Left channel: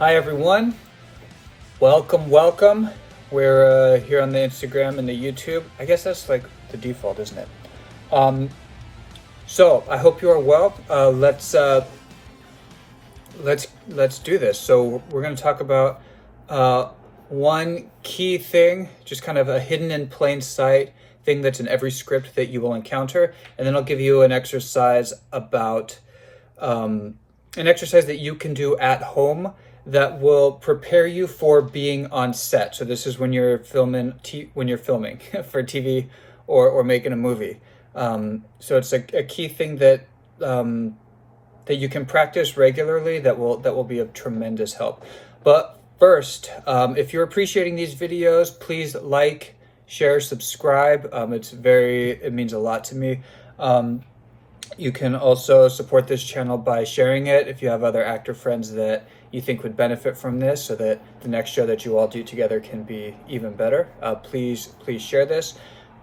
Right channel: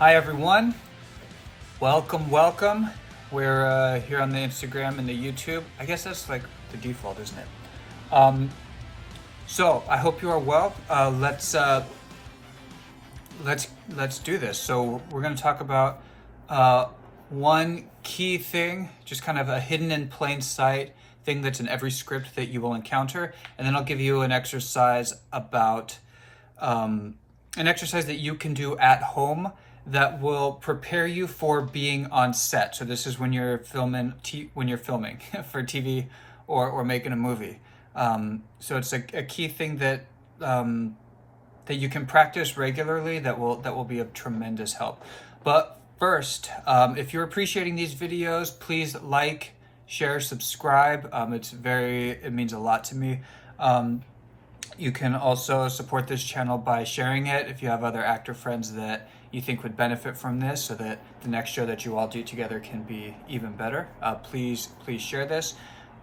Hi everyone, welcome. We're here on the Instagram and the YouTube. I guess that's like the default, isn't it? So I hope you are well. Let's do this. So we're going to talk about one key thing, just kind of a hidden in plain sight thing that's in every script that you will encounter, and then I'll give you an exercise about an exercise that you can do at home that will prepare you for being on set. So this is when you're filming for TV or making a movie. So it's a key thing that that you can practice regularly that will be of tremendous help. But first, if you're appreciating these videos, please like, share, subscribe. It means a lot to me. You can also support this channel by sharing it if you have other actor friends that you think would benefit from this, so that the next show that you all do together can be even better. Please share this.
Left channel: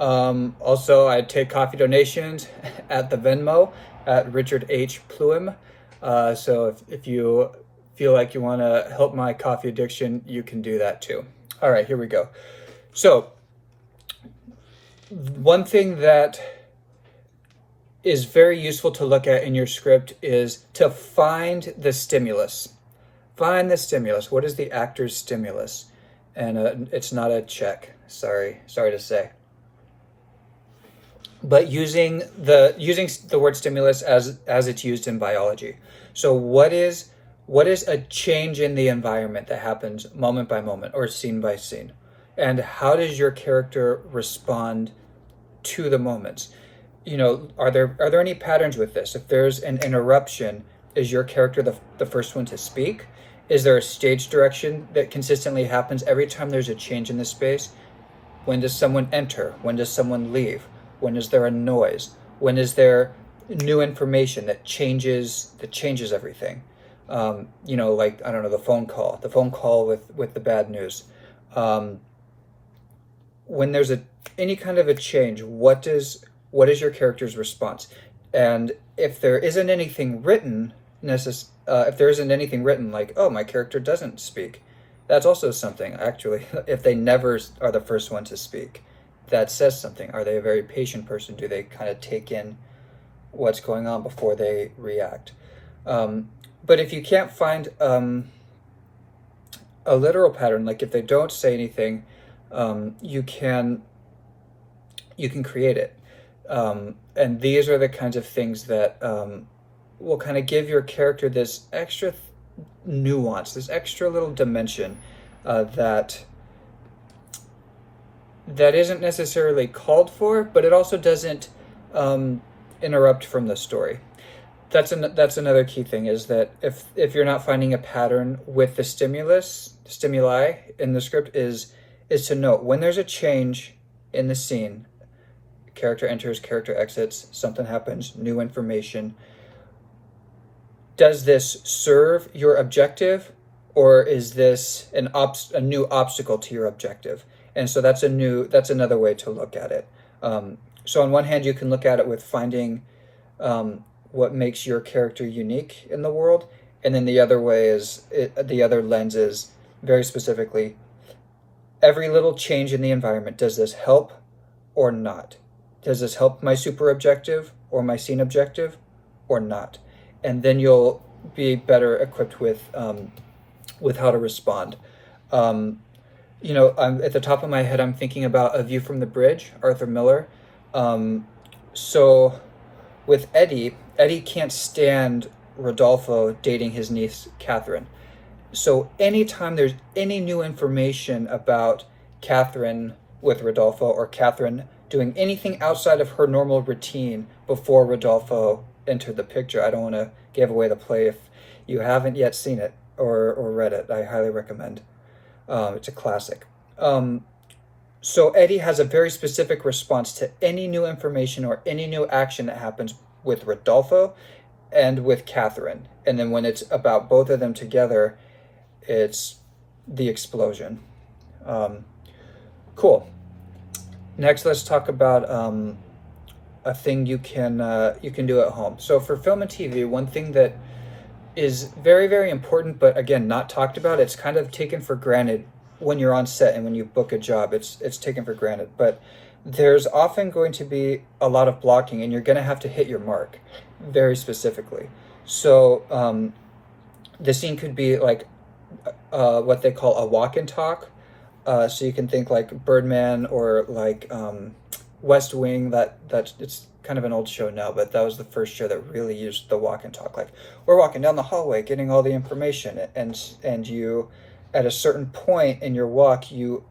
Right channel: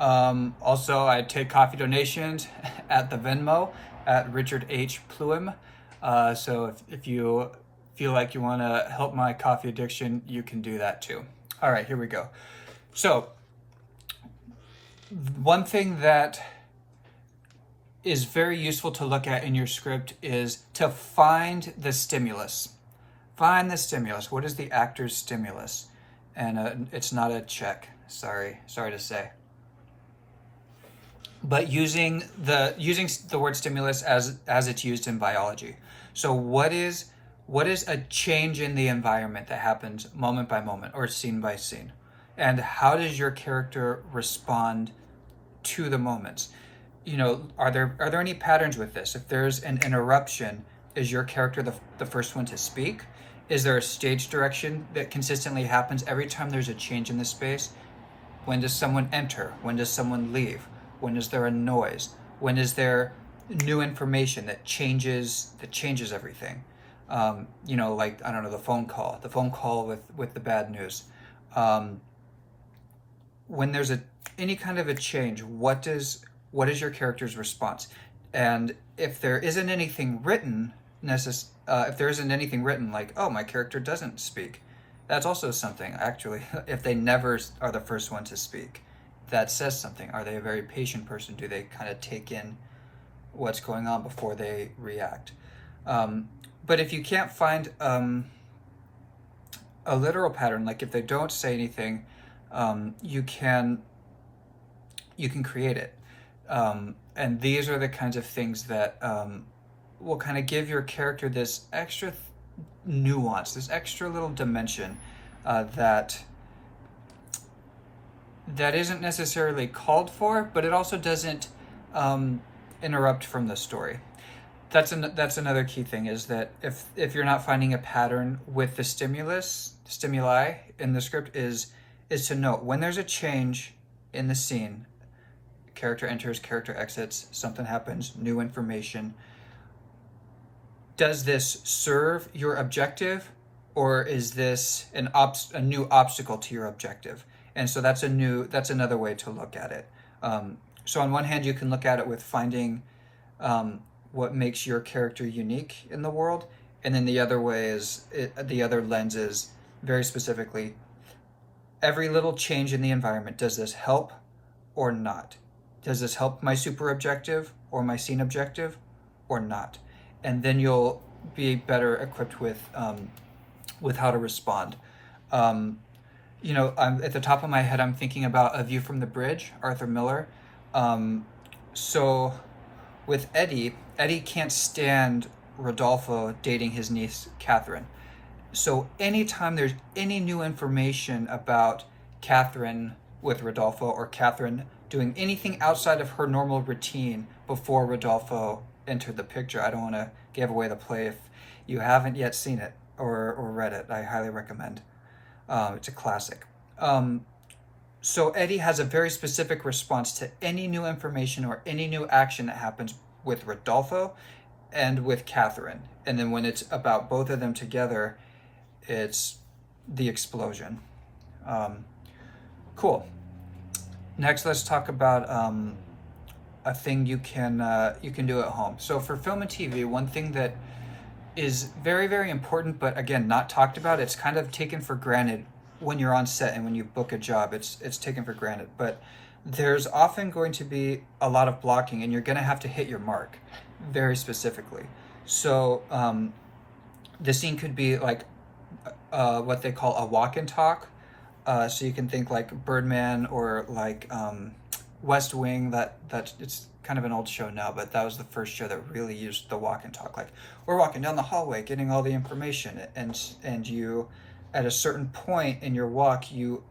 Also, I take coffee donations at the Venmo at Richard H. Pluim. So if you feel like you want to help my coffee addiction, you can do that too. All right, here we go. So one thing that is very useful to look at in your script is to find the stimulus. Find the stimulus. What is the actor's stimulus? And it's not a check. Sorry to say. But using the word stimulus as it's used in biology. So what is a change in the environment that happens moment by moment or scene by scene? And how does your character respond to the moments? You know, are there any patterns with this? If there's an interruption, is your character the first one to speak? Is there a stage direction that consistently happens every time there's a change in the space? When does someone enter? When does someone leave? When is there a noise? When is there new information that changes everything? You know, like, I don't know, the phone call with the bad news. When there's any kind of a change, what is your character's response? And if there isn't anything written, like, oh, my character doesn't speak, that's also something, actually. If they never are the first one to speak, that says something. Are they a very patient person? Do they kind of take in what's going on before they react? But if you can't find a literal pattern, like if they don't say anything, you can create it. And these are the kinds of things that will kind of give your character this extra nuance, this extra little dimension that isn't necessarily called for, but it also doesn't interrupt from the story. That's another key thing, is that if you're not finding a pattern with the stimuli in the script, is to note when there's a change in the scene. Character enters, character exits, something happens, new information. Does this serve your objective, or is this a new obstacle to your objective? And so that's another way to look at it. So on one hand, you can look at it with finding what makes your character unique in the world, and then the other lens is very specifically, every little change in the environment, does this help or not? Does this help my super objective or my scene objective or not? And then you'll be better equipped with how to respond. You know, at the top of my head, I'm thinking about A View from the Bridge, Arthur Miller. So with Eddie can't stand Rodolfo dating his niece, Catherine. So anytime there's any new information about Catherine with Rodolfo, or Catherine doing anything outside of her normal routine before Rodolfo entered the picture, I don't want to give away the play. If you haven't yet seen it or read it, I highly recommend. It's a classic. So Eddie has a very specific response to any new information or any new action that happens with Rodolfo and with Catherine. And then when it's about both of them together, it's the explosion. Cool. Next, let's talk about a thing you can do at home. So for film and TV, one thing that is very, very important, but again, not talked about. It's kind of taken for granted when you're on set and when you book a job. It's taken for granted, but there's often going to be a lot of blocking, and you're going to have to hit your mark very specifically. So the scene could be like what they call a walk and talk. So you can think like Birdman or like West Wing. That it's kind of an old show now, but that was the first show that really used the walk and talk. Like, we're walking down the hallway, getting all the information, and you, at a certain point in your walk, you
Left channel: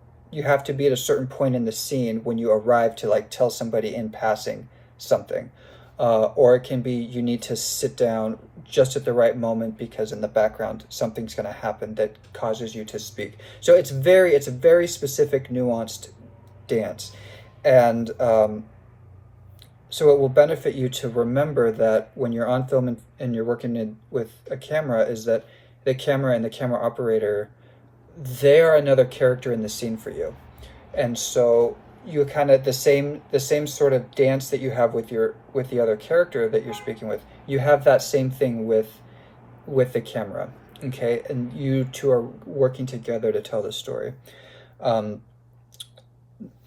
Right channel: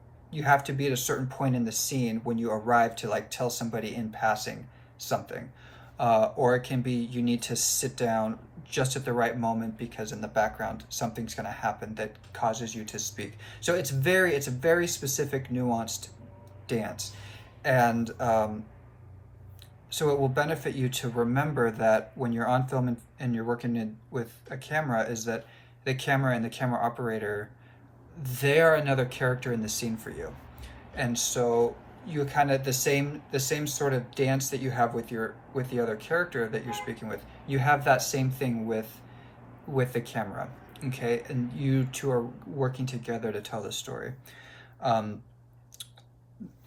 have to be at a certain point in the scene when you arrive to like tell somebody in passing something. Or it can be you need to sit down just at the right moment because in the background something's going to happen that causes you to speak. So it's a very specific, nuanced dance, and so it will benefit you to remember that when you're on film and you're working with a camera, is that the camera and the camera operator, they are another character in the scene for you, and so you kind of the same sort of dance that you have with the other character that you're speaking with. You have that same thing with the camera, okay, and you two are working together to tell the story.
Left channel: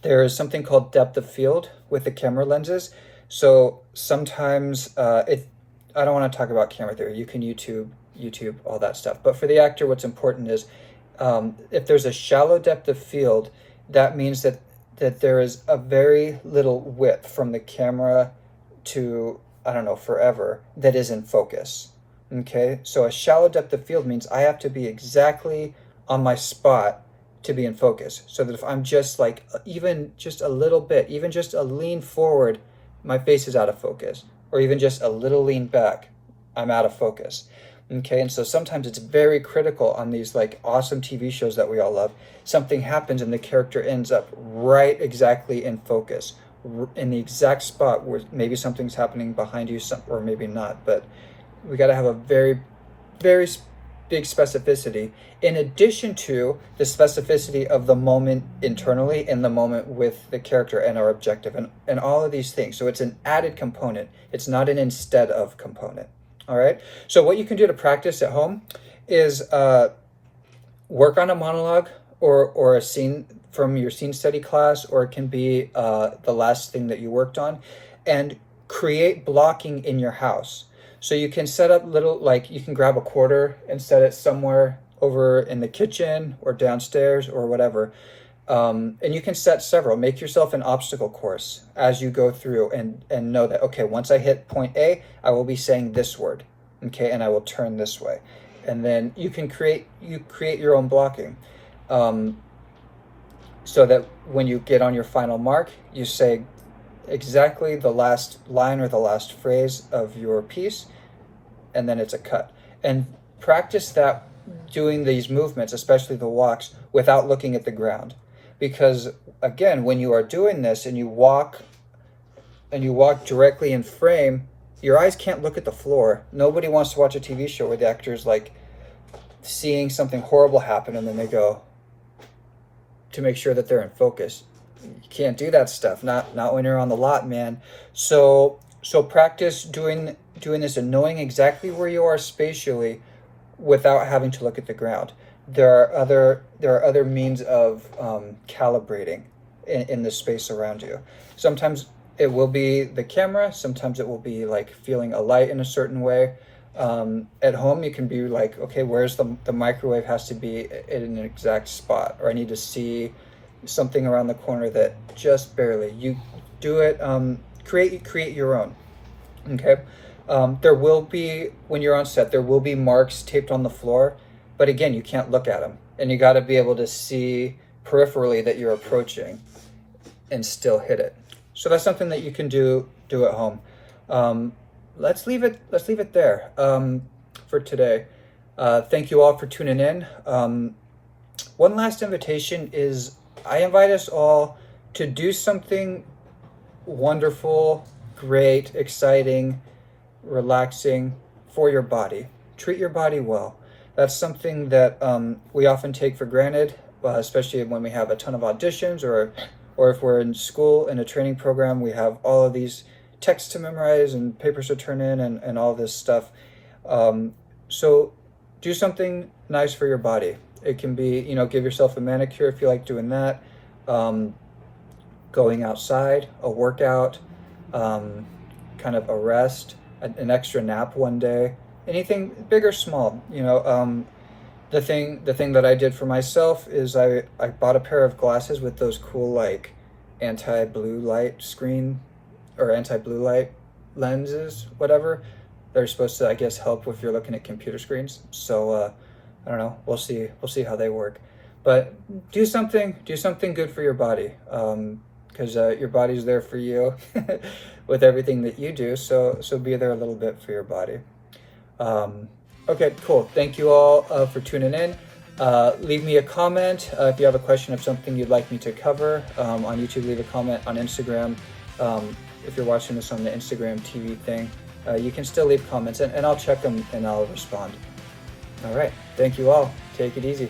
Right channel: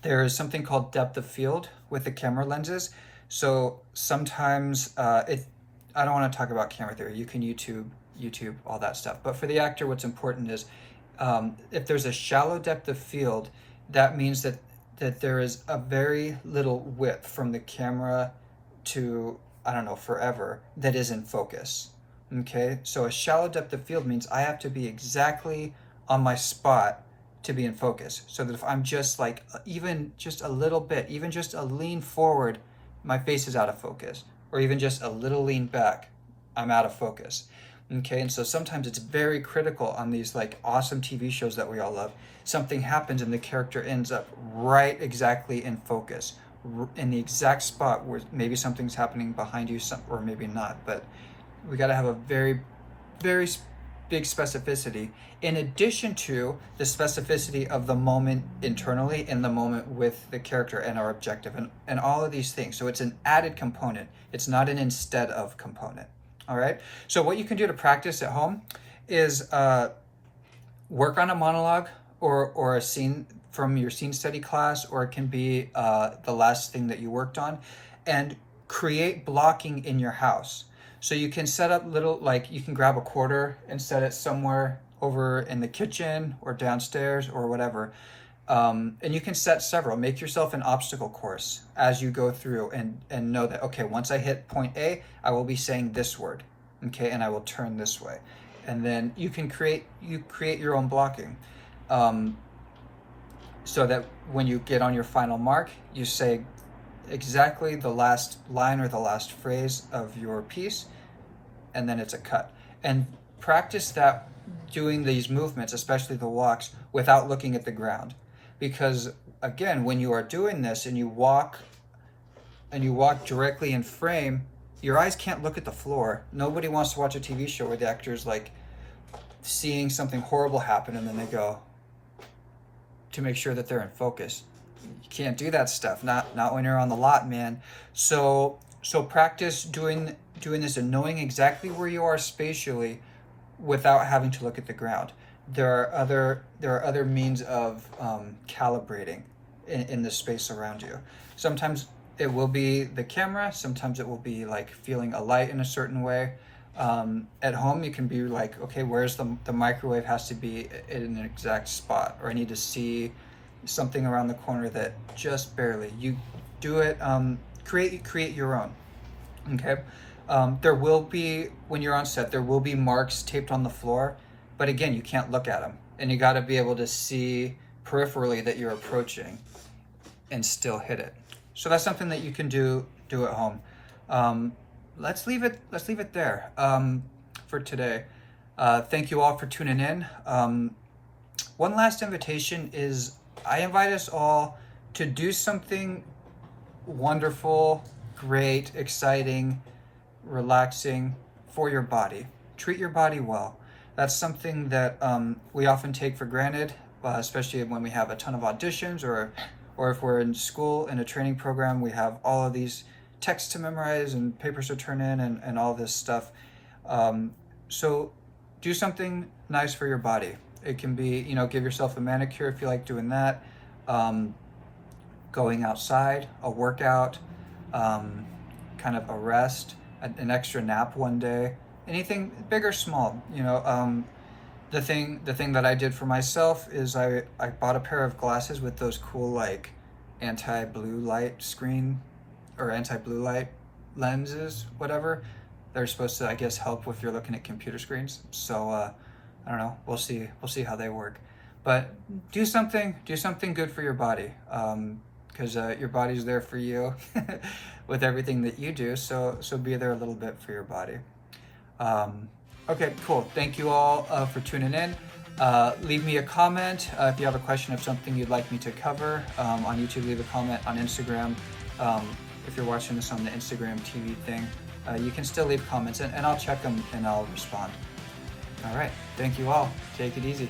There is something called depth of field with the camera lenses. So sometimes I don't want to talk about camera theory. You can YouTube all that stuff. But for the actor, what's important is if there's a shallow depth of field, that means that there is a very little width from the camera to, I don't know, forever, that is in focus. Okay, so a shallow depth of field means I have to be exactly on my spot to be in focus. So that if I'm just like, even just a little bit, even just a lean forward, my face is out of focus. Or even just a little lean back, I'm out of focus. Okay, and so sometimes it's very critical on these like awesome TV shows that we all love. Something happens and the character ends up right exactly in focus, in the exact spot where maybe something's happening behind you, or maybe not. But we got to have a very, very big specificity, in addition to the specificity of the moment internally and the moment with the character and our objective and all of these things. So it's an added component. It's not an instead of component. All right. So what you can do to practice at home is work on a monologue or a scene from your scene study class, or it can be the last thing that you worked on, and create blocking in your house. So you can set up little, like you can grab a quarter and set it somewhere over in the kitchen or downstairs or whatever. And you can set several. Make yourself an obstacle course as you go through and know that, okay, once I hit point A, I will be saying this word, okay, and I will turn this way. And then you can create your own blocking, so that when you get on your final mark, you say exactly the last line or the last phrase of your piece, and then it's a cut. And practice that, doing these movements, especially the walks, without looking at the ground. Because again, when you are doing this and you walk directly in frame, your eyes can't look at the floor. Nobody wants to watch a TV show where the actor's like seeing something horrible happen and then they go to make sure that they're in focus. You can't do that stuff. Not when you're on the lot, man. So practice doing this and knowing exactly where you are spatially without having to look at the ground. There are other means of calibrating in the space around you. Sometimes it will be the camera. Sometimes it will be like feeling a light in a certain way. At home, you can be like, okay, where's the microwave has to be in an exact spot, or I need to see something around the corner that just barely. You do it. Create your own. Okay. There will be, when you're on set, there will be marks taped on the floor, but again, you can't look at them, and you got to be able to see peripherally that you're approaching and still hit it. So that's something that you can do at home. Let's leave it there for today. Thank you all for tuning in. One last invitation is I invite us all to do something wonderful, great, exciting, relaxing for your body. Treat your body well. That's something that we often take for granted, especially when we have a ton of auditions, or if we're in school in a training program, we have all of these texts to memorize and papers to turn in and all this stuff. So do something nice for your body. It can be, give yourself a manicure if you like doing that. Um, Going outside, a workout, kind of a rest, an extra nap one day, anything big or small. The thing that I did for myself is I bought a pair of glasses with those cool like anti-blue light screen or anti-blue light lenses, whatever. They're supposed to, I guess, help if you're looking at computer screens. So I don't know. We'll see how they work. But do something good for your body, because your body's there for you with everything that you do. So be there a little bit for your body. Okay, cool. Thank you all for tuning in. Leave me a comment if you have a question of something you'd like me to cover. On YouTube, leave a comment. On Instagram, if you're watching this on the Instagram TV thing, you can still leave comments, and I'll check them and I'll respond. All right. Thank you all. Take it easy.